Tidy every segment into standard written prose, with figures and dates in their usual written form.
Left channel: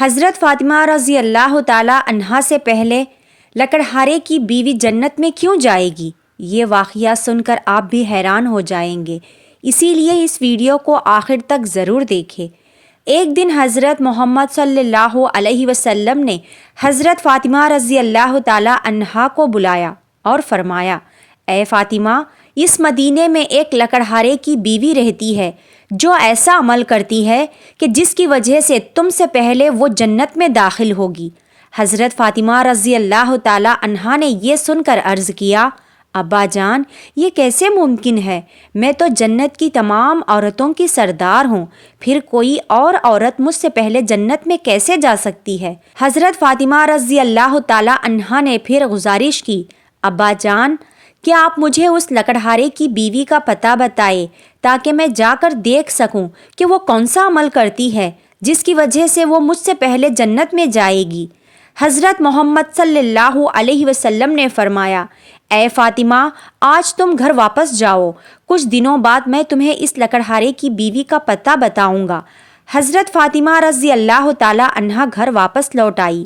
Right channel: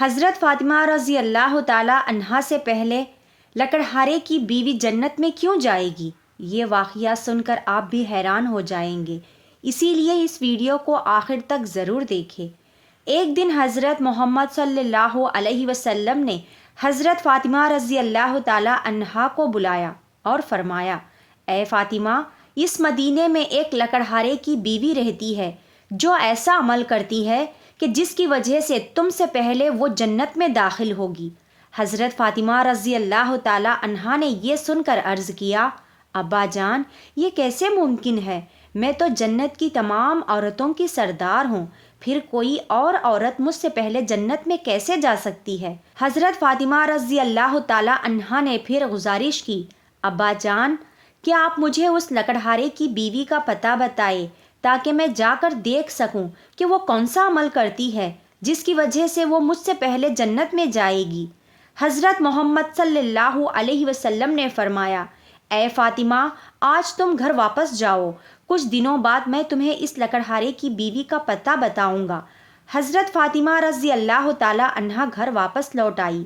حضرت فاطمہ رضی اللہ تعالی عنہا سے پہلے لکڑہارے کی بیوی جنت میں کیوں جائے گی؟ یہ واقعہ سن کر آپ بھی حیران ہو جائیں گے، اسی لیے اس ویڈیو کو آخر تک ضرور دیکھیں۔ ایک دن حضرت محمد صلی اللہ علیہ وسلم نے حضرت فاطمہ رضی اللہ تعالی عنہا کو بلایا اور فرمایا، اے فاطمہ، اس مدینے میں ایک لکڑہارے کی بیوی رہتی ہے جو ایسا عمل کرتی ہے کہ جس کی وجہ سے تم سے پہلے وہ جنت میں داخل ہوگی۔ حضرت فاطمہ رضی اللہ تعالی عنہا نے یہ سن کر عرض کیا، ابا جان، یہ کیسے ممکن ہے؟ میں تو جنت کی تمام عورتوں کی سردار ہوں، پھر کوئی اور عورت مجھ سے پہلے جنت میں کیسے جا سکتی ہے؟ حضرت فاطمہ رضی اللہ تعالی عنہا نے پھر گزارش کی، ابا جان، کیا آپ مجھے اس لکڑہارے کی بیوی کا پتہ بتائے تاکہ میں جا کر دیکھ سکوں کہ وہ کون سا عمل کرتی ہے جس کی وجہ سے وہ مجھ سے پہلے جنت میں جائے گی؟ حضرت محمد صلی اللہ علیہ وسلم نے فرمایا، اے فاطمہ، آج تم گھر واپس جاؤ، کچھ دنوں بعد میں تمہیں اس لکڑہارے کی بیوی کا پتہ بتاؤں گا۔ حضرت فاطمہ رضی اللہ تعالی عنہا گھر واپس لوٹ آئی۔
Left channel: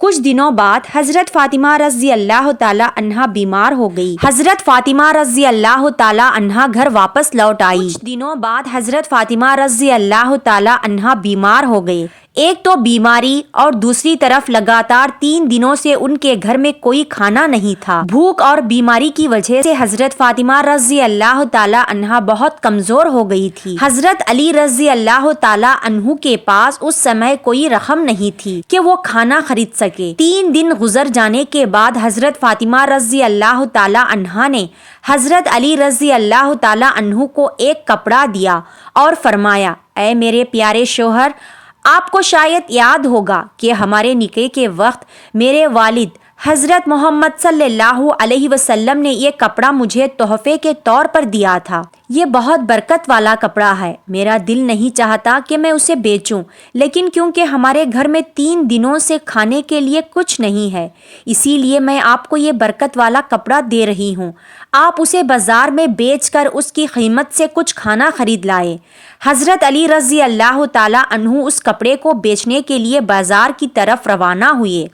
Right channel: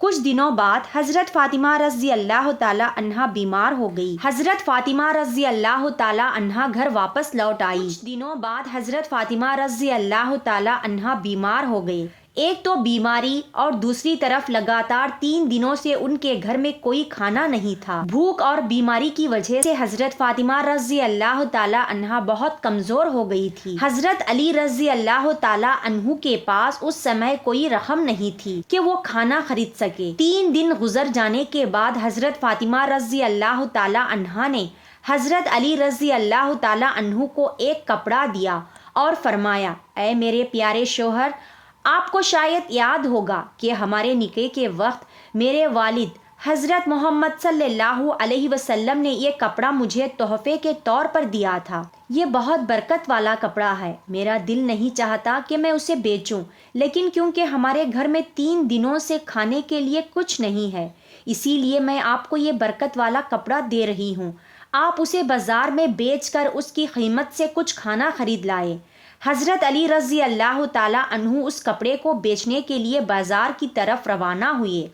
کچھ دنوں بعد حضرت فاطمہ رضی اللہ تعالی عنہا بیمار ہو گئی۔ حضرت فاطمہ رضی اللہ تعالی عنہا گھر واپس لوٹ آئی۔ کچھ دنوں بعد حضرت فاطمہ رضی اللہ تعالی عنہا بیمار ہو گئے۔ ایک تو بیماری اور دوسری طرف لگاتار 3 دنوں سے ان کے گھر میں کوئی کھانا نہیں تھا۔ بھوک اور بیماری کی وجہ سے حضرت فاطمہ رضی اللہ تعالی عنہا بہت کمزور ہو گئی تھی۔ حضرت علی رضی اللہ تعالی عنہ کے پاس اس سمے کوئی رقم نہیں تھی کہ وہ کھانا خرید سکے۔ 3 دن گزر جانے کے بعد حضرت فاطمہ رضی اللہ تعالی عنہا نے حضرت علی رضی اللہ تعالی عنہ کو ایک کپڑا دیا اور فرمایا، اے میرے پیارے شوہر، آپ کو شاید یاد ہوگا کہ ہمارے نکاح کے وقت میرے والد حضرت محمد صلی اللہ علیہ وسلم نے یہ کپڑا مجھے تحفے کے طور پر دیا تھا۔ یہ بہت برکت والا کپڑا ہے، میرا دل نہیں چاہتا کہ میں اسے بیچوں، لیکن کیونکہ ہمارے گھر میں 3 دنوں سے کھانے کے لیے کچھ نہیں ہے، اسی لیے میں آپ کو یہ برکت والا کپڑا دے رہی ہوں۔ آپ اسے بازار میں بیچ کر اس کی قیمت سے کچھ کھانا خرید لائے۔ حضرت علی رضی اللہ تعالی عنہ اس کپڑے کو بیچنے کے لیے بازار کی طرف روانہ ہوئے۔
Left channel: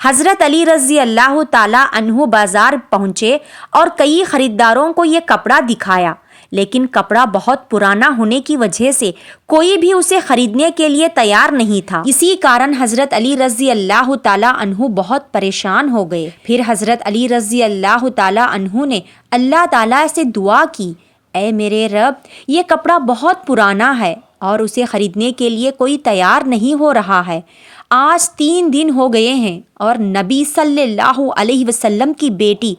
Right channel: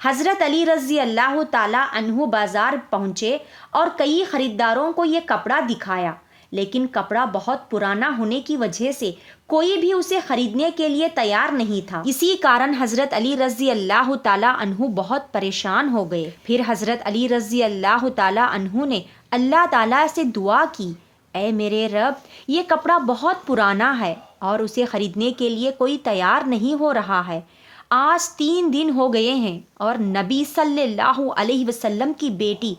حضرت علی رضی اللہ تعالی عنہ بازار پہنچے اور کئی خریداروں کو یہ کپڑا دکھایا، لیکن کپڑا بہت پرانا ہونے کی وجہ سے کوئی بھی اسے خریدنے کے لیے تیار نہیں تھا۔ اسی کارن حضرت علی رضی اللہ تعالی عنہ بہت پریشان ہو گئے۔ پھر حضرت علی رضی اللہ تعالی عنہ نے اللہ تعالی سے دعا کی، اے میرے رب، یہ کپڑا بہت پرانا ہے اور اسے خریدنے کے لیے کوئی تیار نہیں ہو رہا ہے۔ آج 3 دن ہو گئے ہیں اور نبی صلی اللہ علیہ وسلم کی بیٹی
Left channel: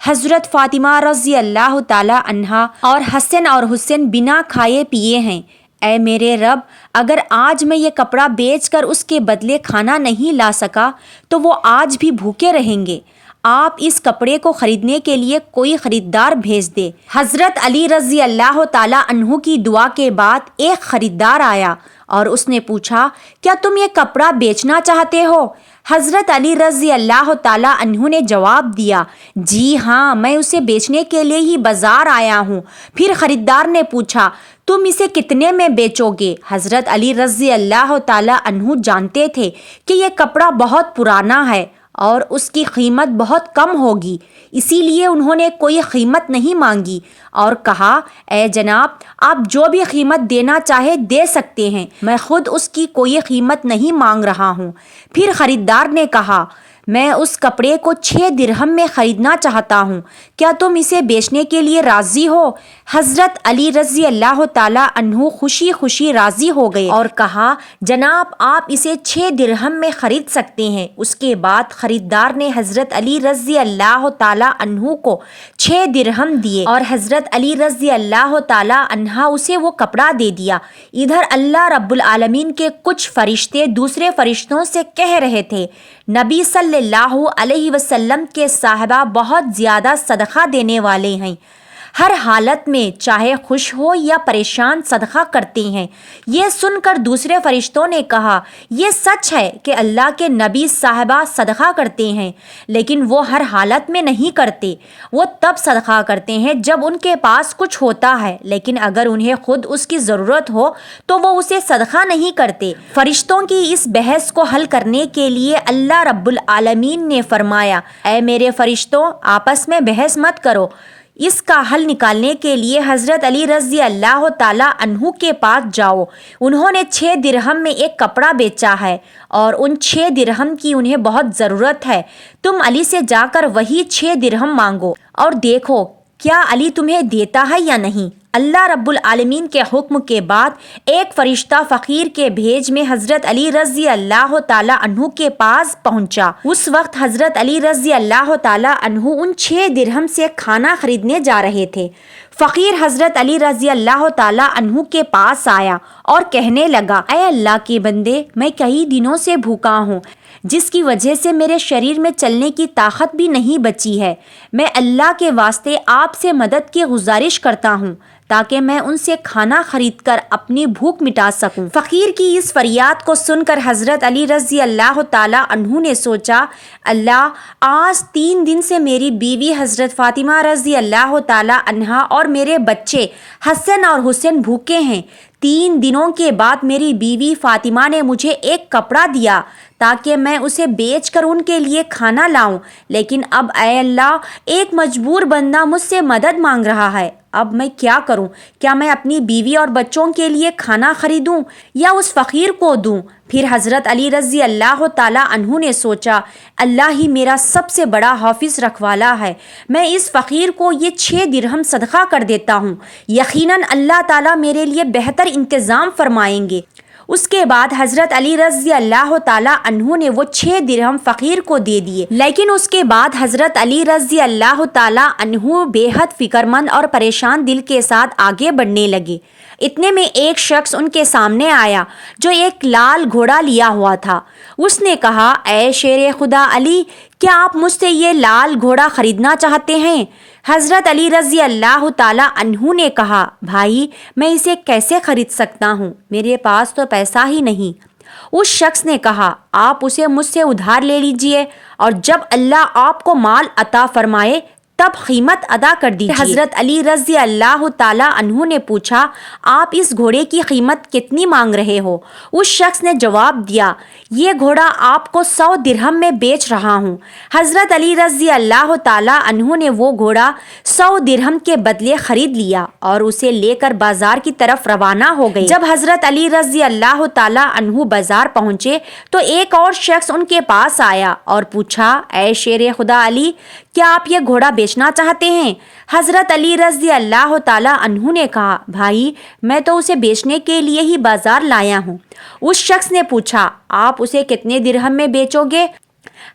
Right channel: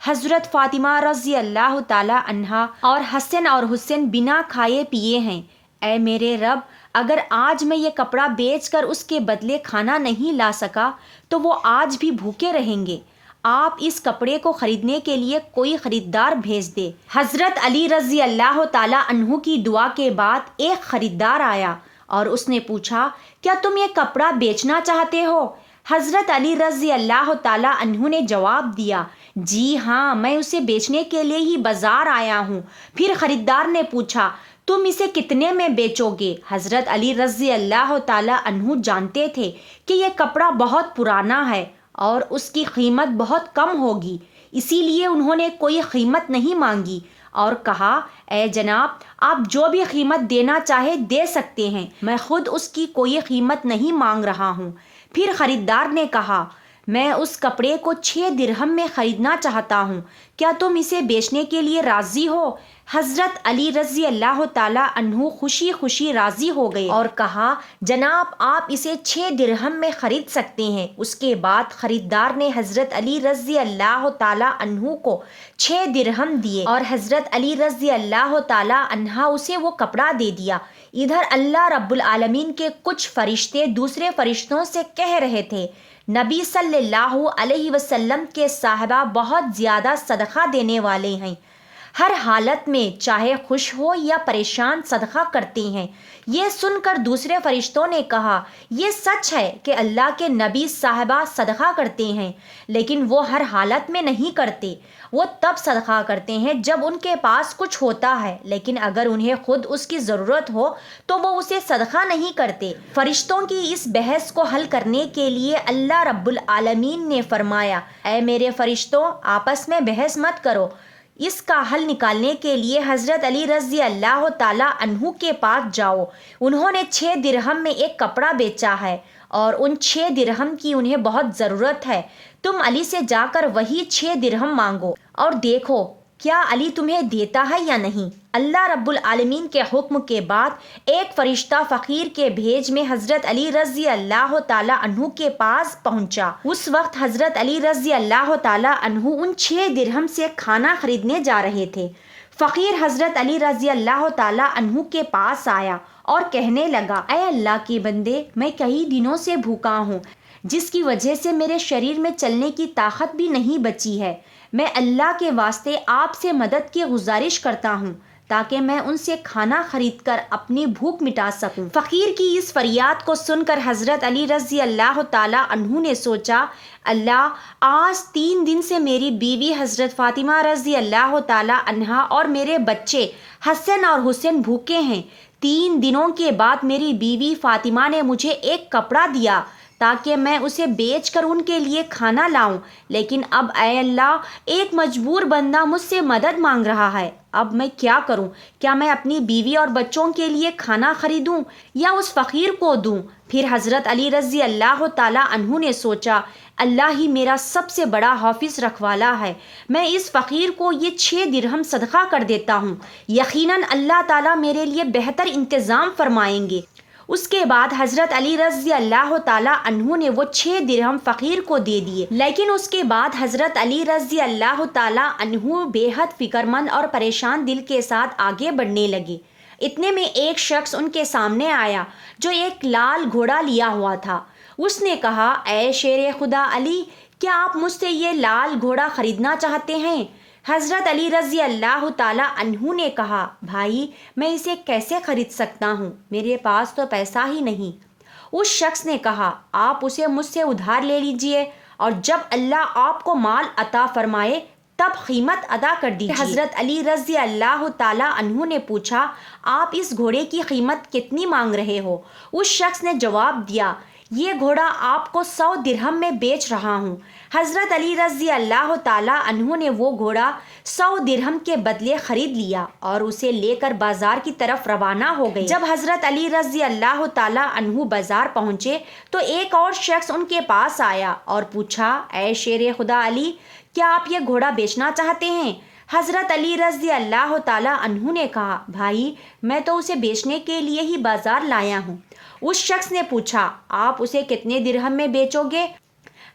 حضرت فاطمہ رضی اللہ تعالی عنہا اور حسن اور حسین بنا کھائے پیے ہیں۔ اے میرے رب، اگر آج میں یہ کپڑا بیچ کر اس کے بدلے کھانا نہیں لا سکا تو وہ آج بھی بھوکے رہیں گے۔ آپ اس کپڑے کو خریدنے کے لیے کوئی خریدار بھیج دے۔ حضرت علی رضی اللہ تعالی عنہ کی دعا کے بعد ایک خریدار آیا اور اس نے پوچھا، کیا تم یہ کپڑا بیچنا چاہتے ہو؟ حضرت علی رضی اللہ تعالی عنہ نے جواب دیا، جی ہاں، میں اسے بیچنے کے لیے ہی بازار آیا ہوں۔ پھر خریدار نے پوچھا، تم اسے کتنے میں بیچو گے؟ حضرت علی رضی اللہ تعالی عنہ جانتے تھے کہ یہ کپڑا بہت پرانا ہے اور اس کی قیمت بہت کم ہوگی، اسی لیے انہوں نے کوئی قیمت نہیں مانگی اور کہا، اے جناب، آپ جو بھی قیمت دینا چاہے دے سکتے ہیں، میں خود اس کی کوئی قیمت نہیں مانگ رہا ہوں۔ پھر خریدار نے کہا، میں اس کپڑے کو 6 درہم میں خریدنا چاہتا ہوں، کیا تم اسے بیچنے کے لیے راضی ہو؟ حضرت علی رضی اللہ تعالی عنہ خوشی خوشی راضی ہو گئے اور کہا، جناب، آپ اسے 6 درہم میں خرید سکتے ہیں۔ اس کے بعد خریدار نے حضرت علی رضی اللہ تعالی عنہ کو 6 درہم دیے اور حضرت علی رضی اللہ تعالی عنہ اسے وہ کپڑا دے دیا۔ ادھر اللہ رب العالمین کے کچھ فرشتے دوسرے فرشتوں سے کہہ رہے تھے، نبی صلی اللہ علیہ وسلم کے صحابہ بہت زیادہ صدقہ دینے والے ہیں۔ ہر حالت میں چاہے خوش ہو یا پریشان صدقہ کرتے ہیں۔ یہ سن کر دوسرے فرشتوں نے کہا، یہ سچ ہے کہ اللہ کے نبی صاحبہ صدقہ کرتے ہیں، لیکن وہ ہر حالت میں نہیں کرتے۔ وہ تب صدقہ کرتے ہیں جب ان کے پاس کچھ ہوتا ہے، لیکن اگر انہیں خود اس کی ضرورت ہو تو وہ اسے صدقہ نہیں کرتے۔ فرشتوں کی اس بحث کو حل کرنے کے لیے اللہ رب العالمین نے فرمایا، اے میرے فرشتوں، آپس میں بحث مت کرو، اس کا حل نکالنے کے لیے حضرت علی رضی اللہ تعالی عنہ کے پاس جاؤ۔ انہوں نے 6 درہم میں ایک کپڑا بیچا ہے اور ان 6 درہم کی انہیں بہت ضرورت ہے۔ تم علی سے جا کر وہی 6 درہم مانگو اور دیکھو کیا علی تمہیں دیتا ہے یا نہیں۔ اللہ رب العالمین کے حکم کے بعد ایک فرشتہ فقیر کے بھیج میں حضرت علی رضی اللہ تعالی عنہ کے پاس پہنچا۔ اس وقت حضرت علی رضی اللہ تعالی عنہ ان 6 درہم سے کھانا خریدنے جا رہے تھے۔ فقیر حضرت علی رضی اللہ تعالی عنہ کے پاس آیا اور کہنے لگا، اے اللہ کے بندے، میں کئی دنوں سے بھوکا ہوں، جس کی وجہ سے میرے شریر میں چلنے کی طاقت بھی نہیں بچی ہے۔ میں اللہ کے واسطے آپ سے مدد کی گزارش کرتا ہوں تاکہ میں ان سے کھانا خرید کر اپنی بھوک مٹا سکوں۔ فقیر کی اس فریاد کو سن کر حضرت علی رضی اللہ تعالی عنہ نے سوچا، اللہ، آج 3 دن سے میری بیوی حضرت فاطمہ رضی اللہ تعالی عنہا اور میرے بچے حسن اور حسین بھوکے ہیں۔ 3 دنوں کے بعد میری بیوی فاطمہ نے مجھے ایک کپڑا دیا تاکہ میں اسے بیچ کر ان کے لیے کھانا لاؤں، لیکن اب اے اللہ، ایک مجبور بندہ مجھ سے مدد مانگ رہا ہے۔ اب میں کیا کروں؟ کیا میں اپنی بیوی اور بچوں کے لیے کھانا خریدوں یا اس فقیر کو دوں؟ پھر حضرت علی رضی اللہ تعالی عنہ نے سوچا، اللہ ہی میرا سب سے بڑا حافظ رکھوالا ہے، میں اس فقیر کو یہ 6 درہم صدقہ کر دیتا ہوں، یقیناً اللہ تعالیٰ میرے لیے بہتر انتظام فرمائیں گے۔ اس کے بعد حضرت علی رضی اللہ تعالی عنہ نے وہ 6 درہم فقیر کو دے دیے، لیکن اس کے بعد حضرت علی رضی اللہ تعالی عنہ بے حد فکر مند اور پریشان دل کے ساتھ آگے بڑھنے لگے۔ اتنے میں ایک شخص ان کے سامنے آیا جو ایک لال گھوڑا لیا ہوا تھا۔ اس نے کہا، اے شیر خدا علی، کیا آپ مجھ سے یہ لال گھوڑا خریدنا چاہتے ہیں؟ حضرت علی رضی اللہ تعالی عنہ نے کہا، بھائی، میں اسے کیسے خرید سکتا ہوں؟ میرے پاس تو پیسہ ہی نہیں۔ اس شخص نے کہا، آپ اسے مجھ سے ادھار لے لیجئے اور جب اللہ آپ کو مال عطا فرمائے تب قیمت ادا کر دیجیے۔ حضرت علی رضی اللہ تعالی عنہ نے پوچھا، آپ اس گھوڑے کی قیمت کتنی مانگ رہے ہو؟ اس شخص نے جواب دیا، یہ گھوڑا آپ کو 100 درہم میں بیچ رہا ہوں۔ حضرت علی رضی اللہ تعالی عنہ نے وہ گھوڑا 100 درہم کے بدلے خرید لیا اور اسے لے کر بازار کی طرف روانہ ہو گئے۔ جب حضرت علی رضی اللہ تعالی عنہ بازار پہنچے تو ایک اور شخص ان کے پاس آیا اور پوچھا، اے شیر خدا علی، کیا آپ یہ گھوڑا بیچنا چاہتے ہیں؟ حضرت علی رضی اللہ تعالی عنہ نے کہا، بھائی، میں تو اسے بیچنے کے لیے ہی بازار لایا ہوں۔ اس شخص نے پوچھا، آپ اسے کتنے درہم میں بیچو گے؟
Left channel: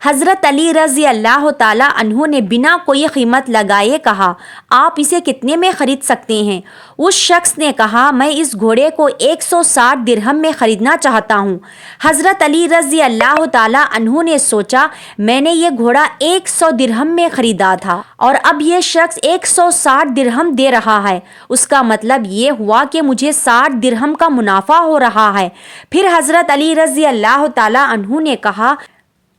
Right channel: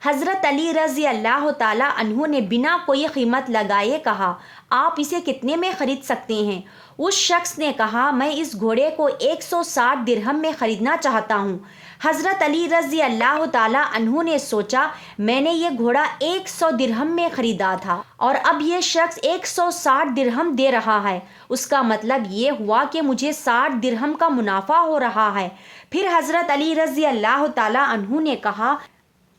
حضرت علی رضی اللہ تعالی عنہ نے بنا کوئی قیمت لگائے کہا، آپ اسے کتنے میں خرید سکتے ہیں؟ اس شخص نے کہا، میں اس گھوڑے کو 160 درہم میں خریدنا چاہتا ہوں۔ حضرت علی رضی اللہ تعالی عنہ نے سوچا، میں نے یہ گھوڑا 100 درہم میں خریدا تھا اور اب یہ شخص 160 درہم دے رہا ہے، اس کا مطلب یہ ہوا کہ مجھے 60 درہم کا منافع ہو رہا ہے۔ پھر حضرت علی رضی اللہ تعالی عنہ نے کہا،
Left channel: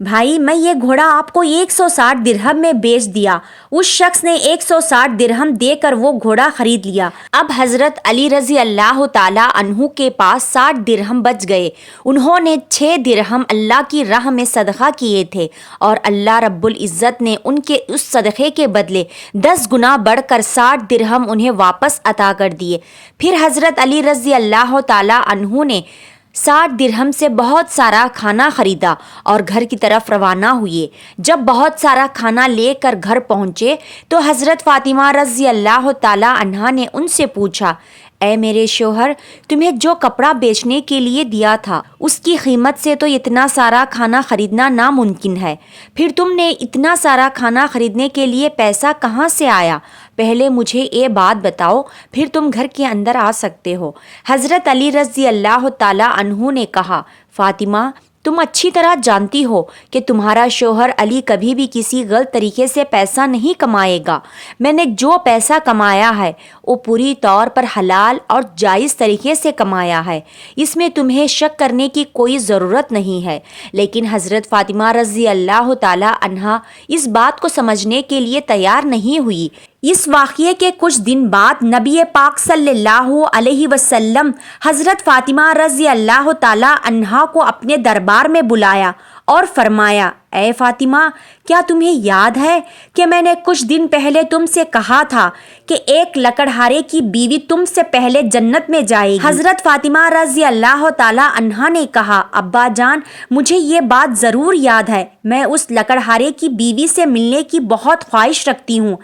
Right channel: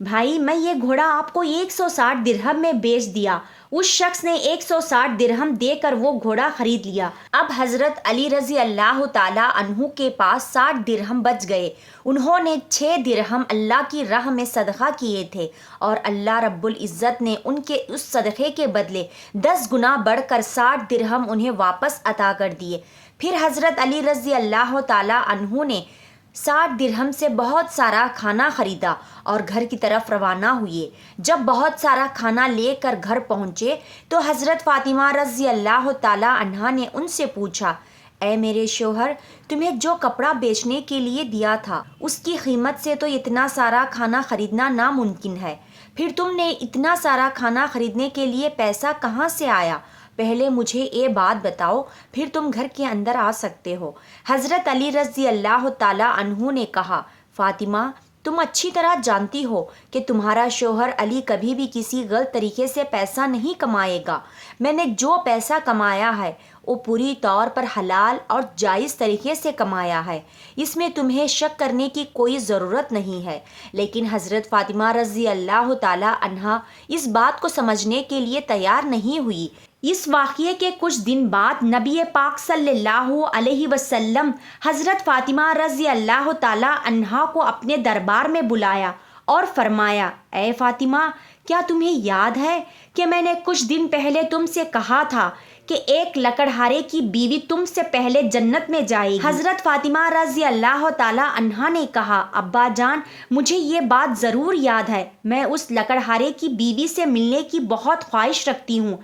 بھائی، میں یہ گھوڑا آپ کو 160 درہم میں بیچ دیا۔ اس شخص نے 160 درہم دے کر وہ گھوڑا خرید لیا۔ اب حضرت علی رضی اللہ تعالی عنہ کے پاس 60 درہم بچ گئے۔ انہوں نے 6 درہم اللہ کی راہ میں صدقہ کیے تھے اور اللہ رب العزت نے ان کے اس صدقے کے بدلے 10 گنا بڑھ کر 60 درہم انہیں واپس عطا کر دیے۔ پھر حضرت علی رضی اللہ تعالی عنہ نے 60 درہم سے بہت سارا کھانا خریدا اور گھر کی طرف روانہ ہوئے۔ جب بہت سارا کھانا لے کر گھر پہنچے تو حضرت فاطمہ رضی اللہ تعالی عنہا نے ان سے پوچھا، اے میرے شوہر، تمہیں جو کپڑا بیچنے کے لیے دیا تھا اس کی قیمت سے تو اتنا سارا کھانا خریدنا ناممکن ہے، پھر تم نے اتنا سارا کھانا خریدنے کے لیے پیسہ کہاں سے آیا؟ پہلے مجھے یہ بات بتاؤ، پھر تم گھر کے اندر آ سکتے ہو۔ حضرت علی رضی اللہ تعالی عنہ نے کہا، فاطمہ، تم اچھی طرح جانتی ہو کہ تمہارا شوہر علی کبھی بھی کسی غلط طریقے سے پیسہ نہیں کمائے گا۔ میں نے جو پیسہ کمایا ہے وہ پوری طور پر حلال اور جائز طریقے سے کمایا ہے، اس میں تمہیں شک کرنے کی کوئی ضرورت نہیں ہے۔ لیکن حضرت فاطمہ رضی اللہ تعالی عنہا اس بات کو سمجھنے کے لیے تیار نہیں ہوئی۔ اس واقعے کے کچھ دن بعد نبی پاک صلی اللہ علیہ وسلم حضرت فاطمہ رضی اللہ تعالی عنہا کو اپنے دربار میں بلایا اور فرمایا، اے فاطمہ، کیا تمہیں یاد ہے کہ میں نے کچھ دن پہلے تم سے کہا تھا کہ ایک لکڑہارے کی بیوی تم سے پہلے جنت میں جائے گی؟ حضرت فاطمہ رضی اللہ تعالی عنہا نے کہا، ابا جان، مجھے یہ بات ضرور یاد ہے، میں اس لکڑہارے کی بیوی سے ملنے کی بہت خواہش رکھتی ہوں۔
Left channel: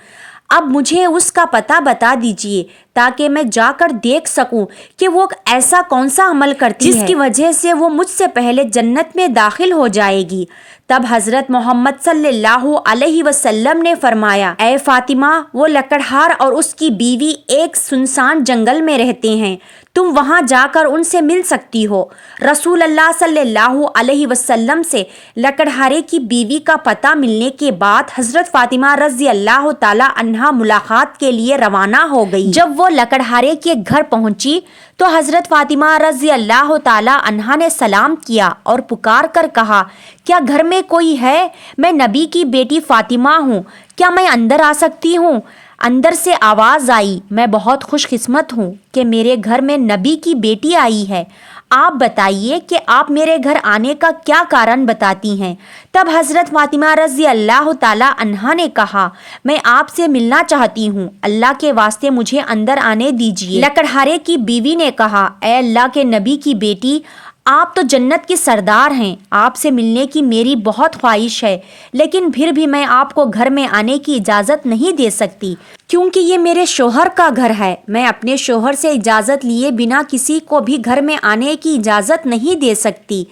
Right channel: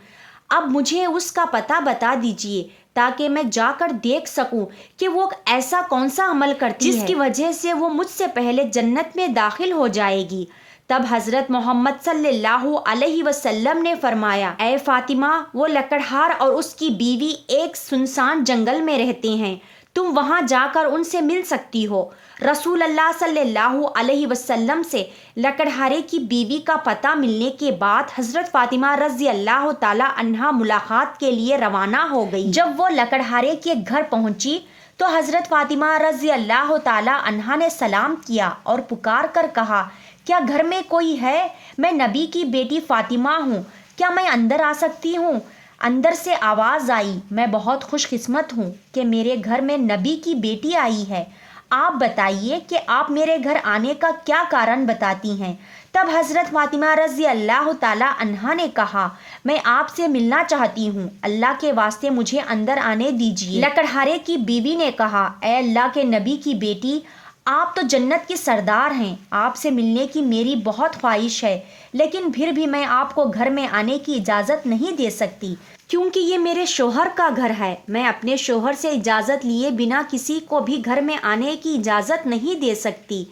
اب مجھے اس کا پتہ بتا دیجئے تاکہ میں جا کر دیکھ سکوں کہ وہ ایسا کون سا عمل کرتی ہے جس کی وجہ سے وہ مجھ سے پہلے جنت میں داخل ہو جائے گی۔ تب حضرت محمد صلی اللہ علیہ وسلم نے فرمایا، اے فاطمہ، وہ لکڑہار اور اس کی بیوی ایک سنسان جنگل میں رہتے ہیں، تم وہاں جا کر ان سے مل سکتی ہو۔ رسول اللہ صلی اللہ علیہ وسلم سے لکڑہارے کی بیوی کا پتہ ملنے کے بعد حضرت فاطمہ رضی اللہ تعالی عنہا ملاقات کے لیے روانہ ہو گئی۔ جب وہ لکڑہارے کے گھر پہنچی تو حضرت فاطمہ رضی اللہ تعالی عنہا نے سلام کیا اور پکار کر کہا، کیا گھر میں کوئی ہے؟ میں نبی کی بیٹی فاطمہ ہوں، کیا میں اندر آ سکتی ہوں؟ اندر سے آواز آئی، میں بہت خوش قسمت ہوں کہ میرے گھر میں نبی کی بیٹی آئی ہے، آپ بتائیے کہ آپ میرے گھر آنے کا کیا کارن بتاتی ہیں؟ تب حضرت فاطمہ رضی اللہ تعالی عنہا نے کہا، میں آپ سے ملنا چاہتی ہوں، اللہ کے واسطے مجھے اندر آنے دیجیے۔ لکڑہارے کی بیوی نے کہا، اے اللہ کے نبی کی بیٹی، آپ تو جنت کی سردار ہیں، آپ سے ملنے کی میری بہت خواہش ہے، لیکن پھر بھی میں آپ کو گھر میں آنے کی اجازت نہیں دے سکتی کیونکہ یہ میرے شوہر کا گھر ہے۔ میں اپنے شوہر سے اجازت لیے بنا کسی کو بھی گھر میں آنے کی اجازت نہیں دے سکتی،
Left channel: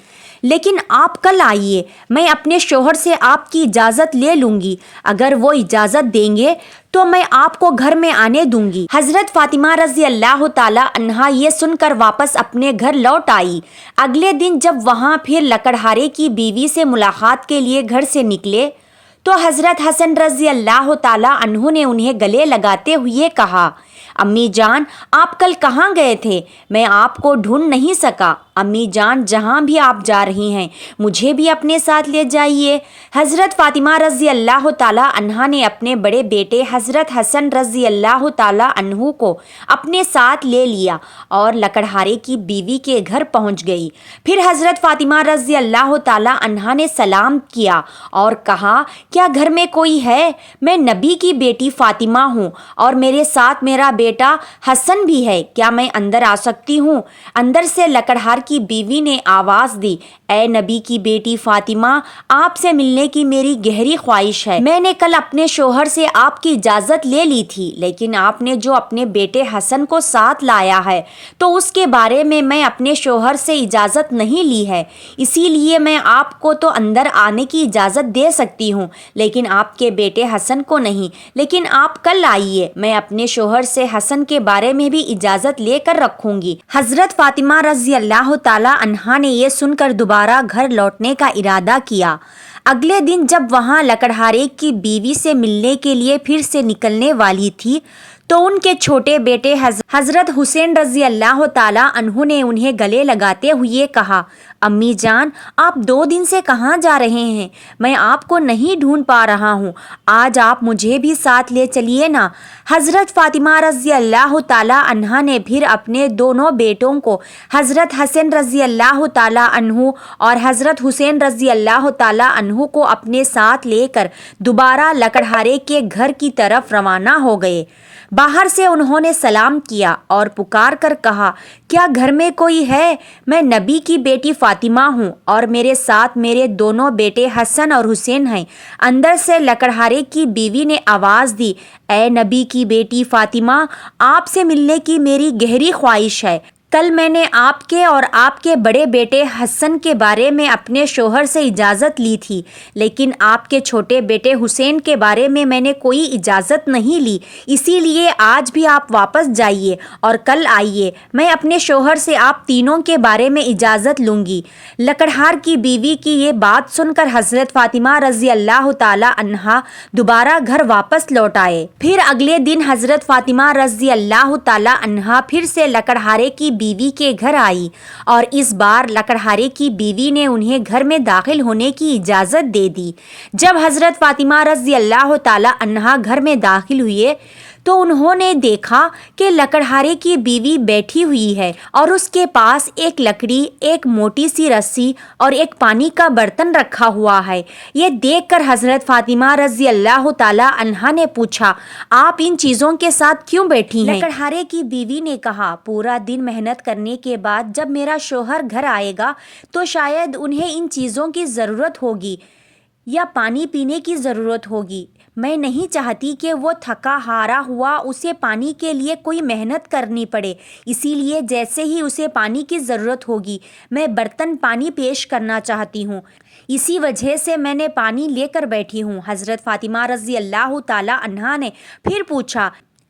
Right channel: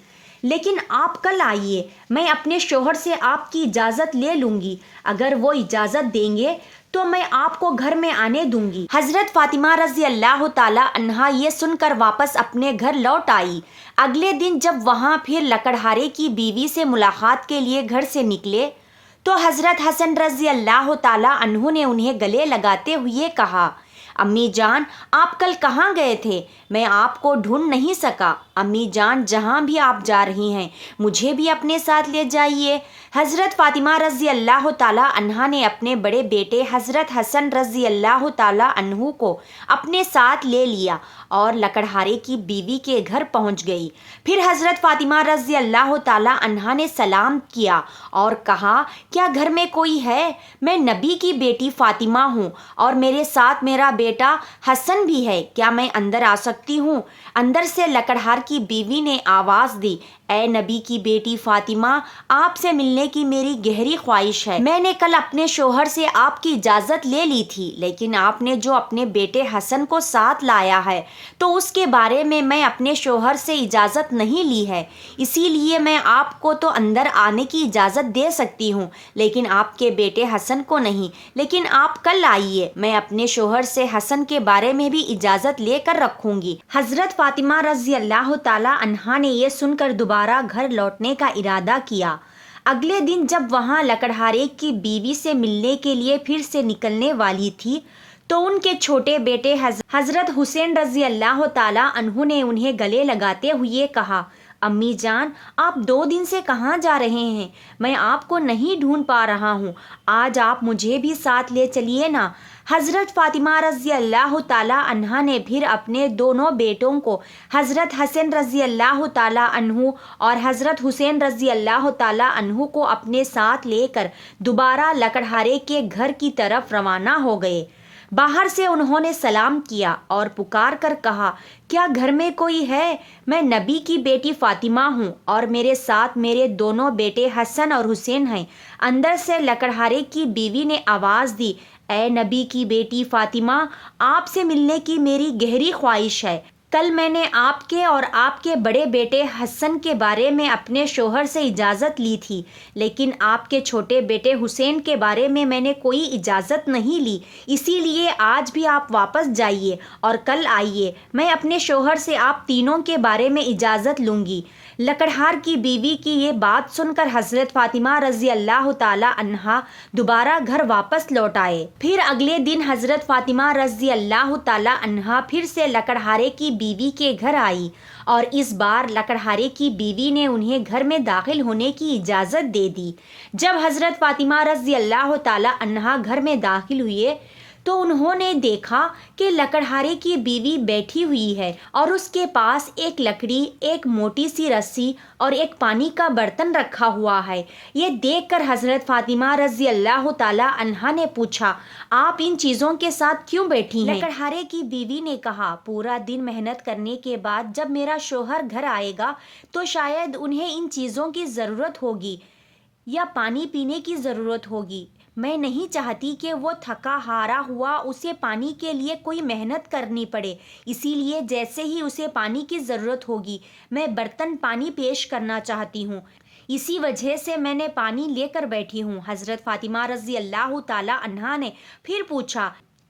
لیکن آپ کل آئیے، میں اپنے شوہر سے آپ کی اجازت لے لوں گی، اگر وہ اجازت دیں گے تو میں آپ کو گھر میں آنے دوں گی۔ حضرت فاطمہ رضی اللہ تعالی عنہا یہ سن کر واپس اپنے گھر لوٹ آئی۔ اگلے دن جب وہاں پھر لکڑہارے کی بیوی سے ملاقات کے لیے گھر سے نکلے تو حضرت حسن رضی اللہ تعالی عنہ نے انہیں گلے لگاتے ہوئے کہا، امی جان، آپ کل کہاں گئے تھے؟ میں آپ کو ڈھونڈ نہیں سکا۔ امی جان، جہاں بھی آپ جا رہی ہیں مجھے بھی اپنے ساتھ لے جائیے۔ حضرت فاطمہ رضی اللہ تعالی عنہا نے اپنے بڑے بیٹے حضرت حسن رضی اللہ تعالی عنہ کو اپنے ساتھ لے لیا اور لکڑہارے کی بیوی کے گھر پہنچ گئی۔ پھر حضرت فاطمہ رضی اللہ تعالی عنہا نے سلام کیا اور کہا، کیا گھر میں کوئی ہے؟ میں نبی کی بیٹی فاطمہ ہوں اور میرے ساتھ میرا بیٹا حسن بھی ہے، کیا میں اندر آ سکتی ہوں؟ اندر سے لکڑہار کی بیوی نے آواز دی، اے نبی کی بیٹی فاطمہ، آپ سے ملنے کی میری گہری خواہش ہے۔ میں نے کل اپنے شوہر سے آپ کی اجازت لے لی تھی، لیکن آپ نے جو اپنے بیٹے حسن کو ساتھ لایا ہے تو اس کے بارے میں اپنے شوہر سے اجازت نہیں لی ہے، اسی لیے میں آپ کو تو اندر آنے کی اجازت دے سکتی ہوں لیکن آپ کے بیٹے حسن کو نہیں۔ لیکن آپ کل آئیے، میں اپنے شوہر سے حسن کے بارے میں بھی اجازت لے کر رکھوں گی۔ حضرت فاطمہ رضی اللہ تعالی عنہا نے یہ سن کر دوبارہ گھر لوٹنے کا ارادہ کیا۔ اگلے دن جب وہاں لکڑہارے کی بیوی سے ملنے کے لیے پھر سے نکلنے والی تھی تو ان کے چھوٹے بیٹے حضرت حسین رضی اللہ تعالی عنہ نے انہیں گلے لگاتے ہوئے کہا، امی جان، آپ 2 دن سے کہاں جا رہے ہیں؟ میں آپ کو نہیں ڈھونڈ پا رہا ہوں، آج آپ مجھے بھی ساتھ لے چلیے نا۔ حضرت فاطمہ رضی اللہ تعالی عنہا نے پھر اپنے دونوں بیٹوں کو حضرت حسن رضی اللہ تعالی عنہ اور حضرت حسین رضی اللہ تعالی عنہ کو اپنے ساتھ لے کر دوبارہ لکڑہارے کے گھر کی طرف روانہ ہو گئے۔ باہر سے انہوں نے سلام کیا اور پکار کر کہا، کیا گھر میں کوئی ہے؟ میں نبی کی بیٹی فاطمہ ہوں اور میرے ساتھ میرے دونوں بیٹے حسن اور حسین ہیں۔ اندر سے لکڑہارے کی بیوی نے آواز دی، اے نبی کی بیٹی فاطمہ، آپ سے ملنے کی میری گہری خواہش ہے، کل میں نے آپ کے اور آپ کے بڑے بیٹے حسن کے بارے میں اپنے شوہر سے اجازت لی تھی، لیکن آپ کے چھوٹے بیٹے حسین کے بارے میں نے کوئی اجازت نہیں لی، اسی لیے آج بھی آپ واپس جائیے اور کل آئیے، میں اپنے شوہر سے آپ تینوں کے بارے میں اجازت لوں گی۔ لکڑہار کی بیوی کی یہ بات سن کر حضرت فاطمہ رضی اللہ تعالی عنہا دوبارہ گھر واپس لوٹ آئے۔ پھر اگلے دن حضرت فاطمہ رضی اللہ تعالی عنہا پھر سے لکڑہارے کی بیوی کے گھر آئی اور اس بار لکڑہارے کی بیوی نے انہیں گھر میں داخل ہونے کی اجازت دے دی۔ جب حضرت فاطمہ رضی اللہ تعالی عنہا گھر میں داخل ہوئے تو انہوں نے دیکھا کہ لکڑہارے کی بیوی بیٹھی ہوئی ہے اور اس کے پاس ایک لکڑی، ایک موٹی سی رسی اور ایک پانی کا برتن رکھا ہوا ہے۔ یہ دیکھ کر حضرت فاطمہ رضی اللہ تعالی عنہا نے پوچھا، آپ ان چیزوں کے ساتھ کیوں بیٹھی ہیں؟ لکڑہارے کی بیوی نے کہا، پورا دن محنت کرنے کے بعد جب میرا شوہر گھر آئے گا تو شاید انہیں ان چیزوں کی ضرورت ہوگی یا پانی پینے کی ضرورت ہوگی۔ میں نہیں چاہتی کہ وہ تھکا ہارا ہوا اسے پانی کے لیے کوئی محنت کرنی پڑے، اسی لیے جیسے ہی اسے پانی کی ضرورت ہوگی میں برتن پانی پیش کرنا چاہتی ہوں، اسی وجہ سے میں نے پانی لے کر بیٹھی ہوں۔ حضرت فاطمہ رضی اللہ تعالی عنہا نے پھر پوچھا،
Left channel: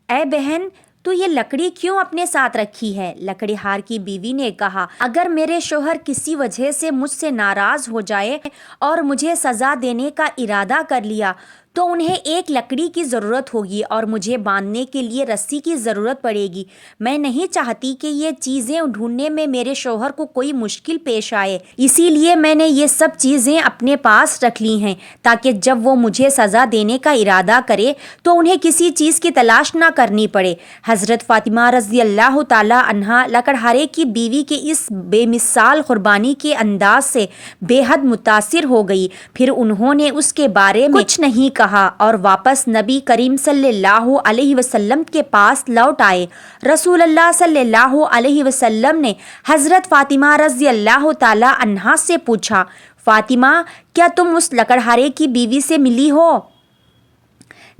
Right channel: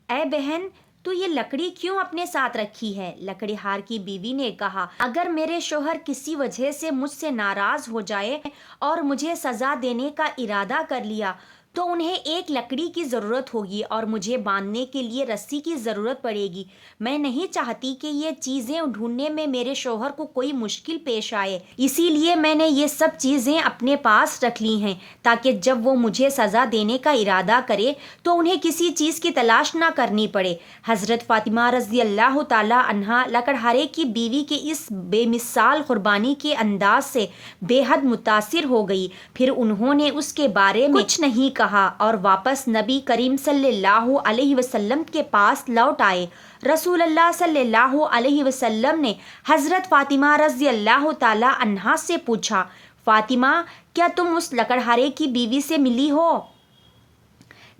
اے بہن تو یہ لکڑی کیوں اپنے ساتھ رکھی ہے؟ لکڑہار کی بیوی نے کہا، اگر میرے شوہر کسی وجہ سے مجھ سے ناراض ہو جائے اور مجھے سزا دینے کا ارادہ کر لیا تو انہیں ایک لکڑی کی ضرورت ہوگی اور مجھے باندھنے کے لیے رسی کی ضرورت پڑے گی۔ میں نہیں چاہتی کہ یہ چیزیں ڈھونڈنے میں میرے شوہر کو کوئی مشکل پیش آئے، اسی لیے میں نے یہ سب چیزیں اپنے پاس رکھ لی ہیں تاکہ جب وہ مجھے سزا دینے کا ارادہ کرے تو انہیں کسی چیز کی تلاش نہ کرنی پڑے۔ حضرت فاطمہ رضی اللہ تعالی عنہا لکڑہارے کی بیوی کے اس بے مثال قربانی کے انداز سے بے حد متاثر ہو گئی، پھر انہوں نے اس کے بارے میں کچھ نہیں کہا اور واپس نبی کریم صلی اللہ علیہ وسلم کے پاس لوٹ آئے۔ رسول اللہ صلی اللہ علیہ وسلم نے حضرت فاطمہ رضی اللہ تعالی عنہا سے پوچھا، فاطمہ کیا تم اس لکڑہارے کی بیوی سے ملی ہو؟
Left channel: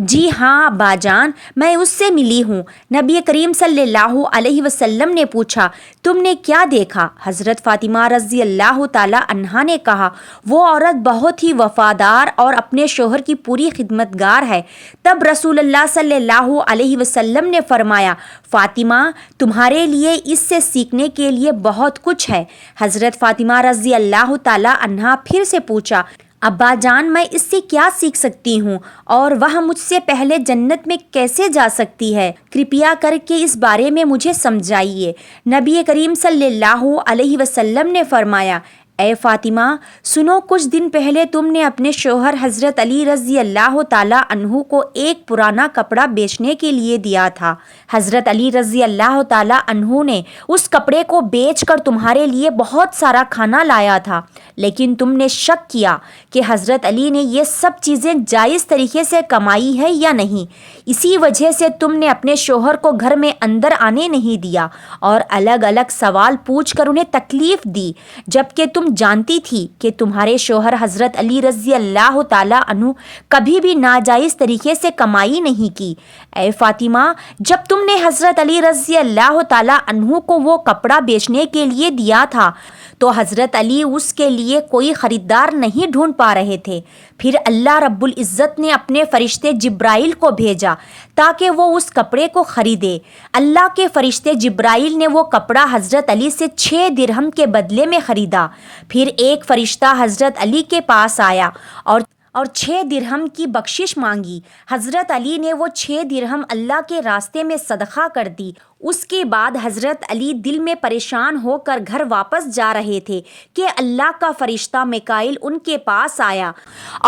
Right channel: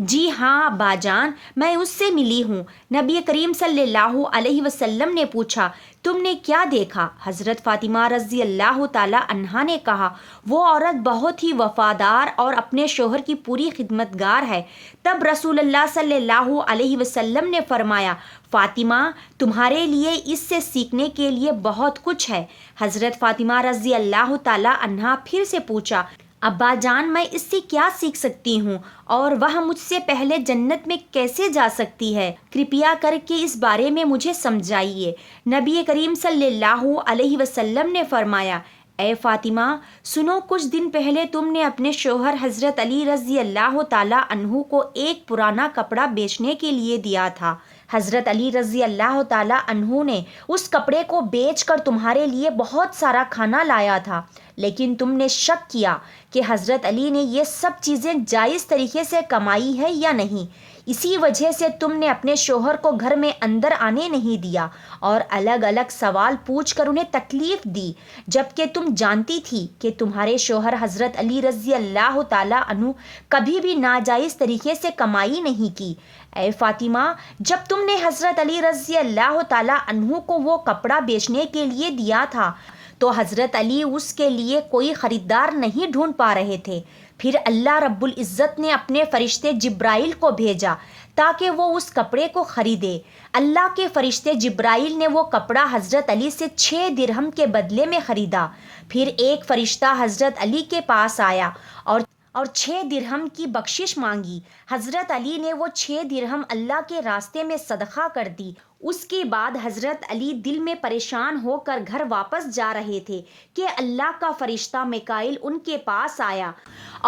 جی ہاں ابا جان، میں اس سے ملی ہوں۔ نبی کریم صلی اللہ علیہ وسلم نے پوچھا، تم نے کیا دیکھا؟ حضرت فاطمہ رضی اللہ تعالی عنہا نے کہا، وہ عورت بہت ہی وفادار اور اپنے شوہر کی پوری خدمتگار ہے۔ تب رسول اللہ صلی اللہ علیہ وسلم نے فرمایا، فاطمہ تمہارے لیے اس سے سیکھنے کے لیے بہت کچھ ہے۔ حضرت فاطمہ رضی اللہ تعالی عنہا پھر سے پوچھا، ابا جان میں اس سے کیا سیکھ سکتی ہوں اور وہ مجھ سے پہلے جنت میں کیسے جا سکتی ہے؟ کرپیا کر کے اس بارے میں مجھے سمجھائیے۔ نبی کریم صلی اللہ علیہ وسلم نے فرمایا، اے فاطمہ سنو، کچھ دن پہلے تم نے اپنے شوہر حضرت علی رضی اللہ تعالی عنہ کو ایک پرانا کپڑا بیچنے کے لیے دیا تھا۔ حضرت علی رضی اللہ تعالی عنہ نے اس کپڑے کو بیچ کر تمہارے لیے بہت سارا کھانا لایا تھا، لیکن تم نے شک کیا کہ حضرت علی نے یہ سب چیزیں جائز طریقے سے کمائی ہے یا نہیں، اسی وجہ سے تم نے اپنے شوہر کو گھر میں اندر آنے نہیں دیا اور الگ الگ سوال پوچھ کر انہیں تکلیف دی، جبکہ تم جانتی تھی کہ تمہارے شوہر حضرت علی رضی اللہ تعالی عنہ کبھی بھی ناجائز طریقے سے کمائی نہیں کی۔ اے فاطمہ جب تم نے حضرت علی رضی اللہ تعالی عنہ کو وہ کپڑا بیچنے کے لیے دیا تھا تو حضرت علی اس کے لیے کوئی خریدار نہیں ڈھونڈ پا رہے تھے، پھر اللہ رب العزت نے اپنے فرشتے جبرائیل کو بھیجا تاکہ وہ اس کپڑے کو خریدے۔ اللہ کے فرشتے جبرائیل نے وہ کپڑا حضرت علی سے 6 درہم کے بدلے میں خریدا۔ پھر ایک فرشتہ حضرت علی کے پاس آیا اور 6 درہم کی بخشش مانگی۔ حضرت علی نے وہ 6 درہم اللہ کے راستے میں صدقہ کر دی۔ اس کے بعد حضرت علی دل میں پریشان ہو کر گھر واپس جا رہے تھے کہ اللہ کا فرشتہ میکائیل ان کے پاس آیا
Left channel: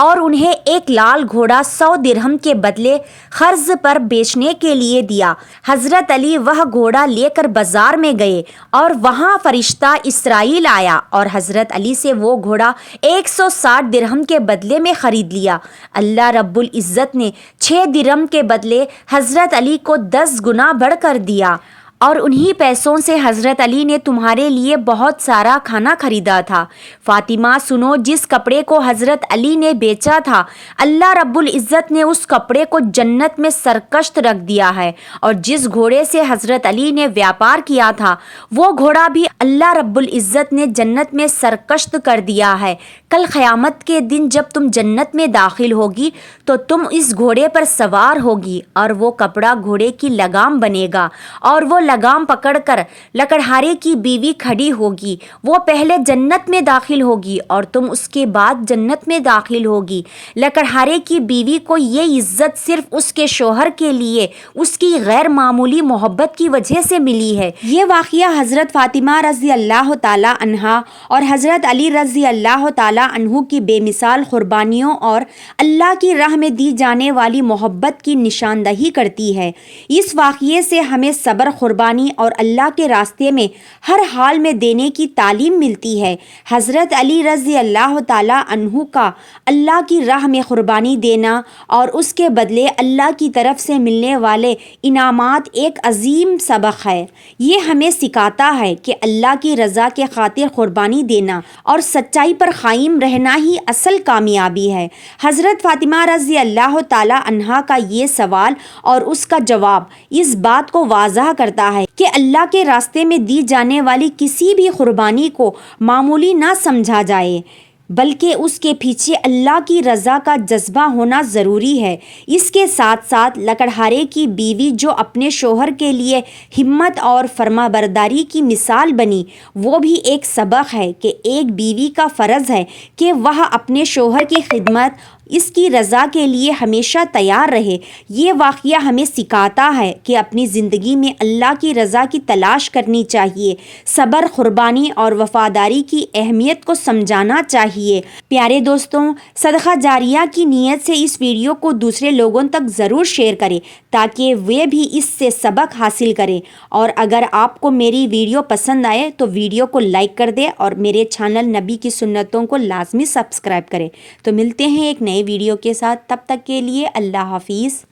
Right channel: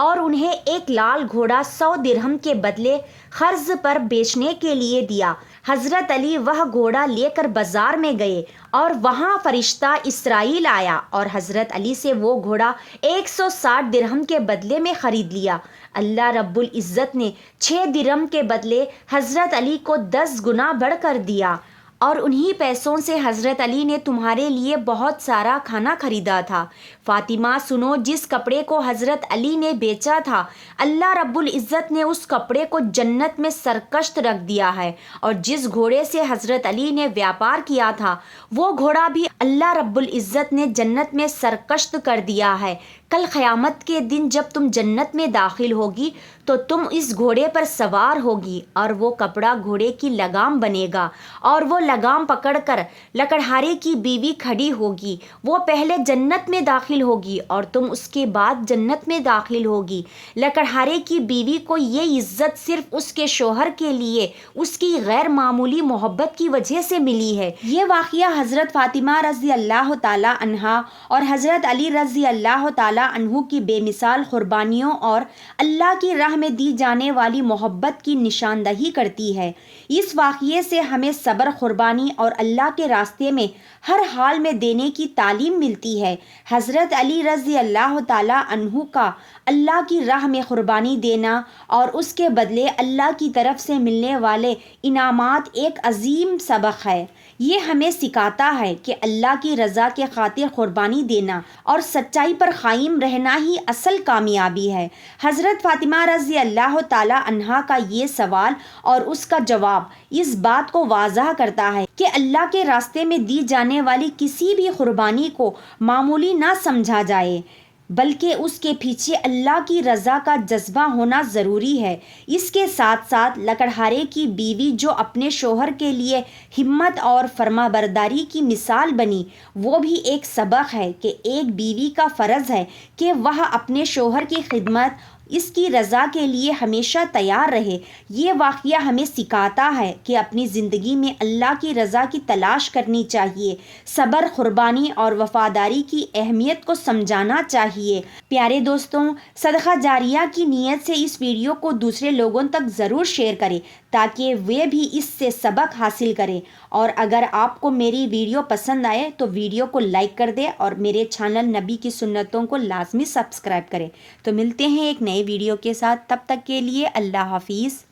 اور انہیں ایک لال گھوڑا 100 درہم کے بدلے قرض پر بیچنے کے لیے دیا۔ حضرت علی وہ گھوڑا لے کر بازار میں گئے اور وہاں فرشتہ اسرائیل آیا اور حضرت علی سے وہ گھوڑا 160 درہم کے بدلے میں خرید لیا۔ اللہ رب العزت نے 6 درہم کے بدلے حضرت علی کو 10 گنا بڑھ کر دیا اور انہی پیسوں سے حضرت علی نے تمہارے لیے بہت سارا کھانا خریدا تھا۔ فاطمہ سنو، جس کپڑے کو حضرت علی نے بیچا تھا، اللہ رب العزت نے اس کپڑے کو جنت میں سرکشت رکھ دیا ہے، اور جس گھوڑے سے حضرت علی نے ویاپار کیا تھا وہ گھوڑا بھی اللہ رب العزت نے جنت میں سرکشت کر دیا ہے۔ کل قیامت کے دن جب تم جنت میں داخل ہوگی تو تم اس گھوڑے پر سوار ہوگی، اور وہ کپڑا گھوڑے کی لگام بنے گا، اور وہ لگام پکڑ کر لکڑہارے کی بیوی کھڑی ہوگی۔ وہ پہلے جنت میں داخل ہوگی اور تم اس کے بعد جنت میں داخل ہوگی۔ لکڑہارے کی بیوی کو یہ عزت صرف اس کے شوہر کے لیے اس کی غیر معمولی محبت کی وجہ سے ملی ہے۔ یہ واقعہ حضرت فاطمہ رضی اللہ تعالی عنہا اور حضرت علی رضی اللہ تعالی عنہ کی بے مثال قربانیوں اور اللہ کی راہ میں دی جانے والی محبت کی نشاندہی کرتی ہے۔ اس واقعے سے ہمیں صبر، قربانی اور اللہ کے راستے میں ہر حال میں دینے کی تعلیم ملتی ہے۔ حضرت علی رضی اللہ تعالی عنہ کا اللہ کی راہ میں قربانی دینا اور اس کے بدلے اللہ کی طرف سے ملنے والے انعامات ایک عظیم سبق ہے۔ یہ ہمیں سکھاتا ہے کہ اللہ کی رضا کے خاطر قربانی دینا اور سچائی پر قائم رہنا ہی اصل کامیابی ہے۔ حضرت فاطمہ رضی اللہ تعالی عنہا کا یہ سوال اور اس کا جواب اس بات کو واضح کرتا ہے کہ اللہ کے راستے میں دی جانے والی کسی بھی قربانی کو معمولی نہ سمجھا جائے، بلکہ اس کے پیچھے اللہ کی رضا کا جذبہ ہونا ضروری ہے۔ اس کے ساتھ ساتھ لکڑہارے کی بیوی جو اپنے شوہر کے لیے ہمت اور فرمانبرداری کی مثال بنی، وہ بھی ایک سبق ہے کہ ایک بیوی کا فرض ہے کہ وہ اپنے شوہر کی خدمت، اس کی رضا کے لیے ہمیشہ تیار رہے۔ یہ واقعہ ہمیں سکھاتا ہے کہ اپنی زندگی میں اللہ کی رضا کی تلاش کرنی چاہیے، صبر، قربانی اور وفاداری کی اہمیت کو سمجھانا چاہیے۔ پیارے دوستوں، صدقہ جاریہ کی نیت سے اس ویڈیو کو دوسرے لوگوں تک ضرور شیئر کریں تاکہ وہ بھی اس سے سبق حاصل کریں، اور اگر آپ کو میری ویڈیو پسند آئے تو ویڈیو کو لائک کر دیں اور میرے چینل نبی کی سنتوں کو لازمی سبسکرائب کریں۔ تو ملتے ہیں ایک نئے ویڈیو کے ساتھ، تب تک کے لیے اللہ حافظ۔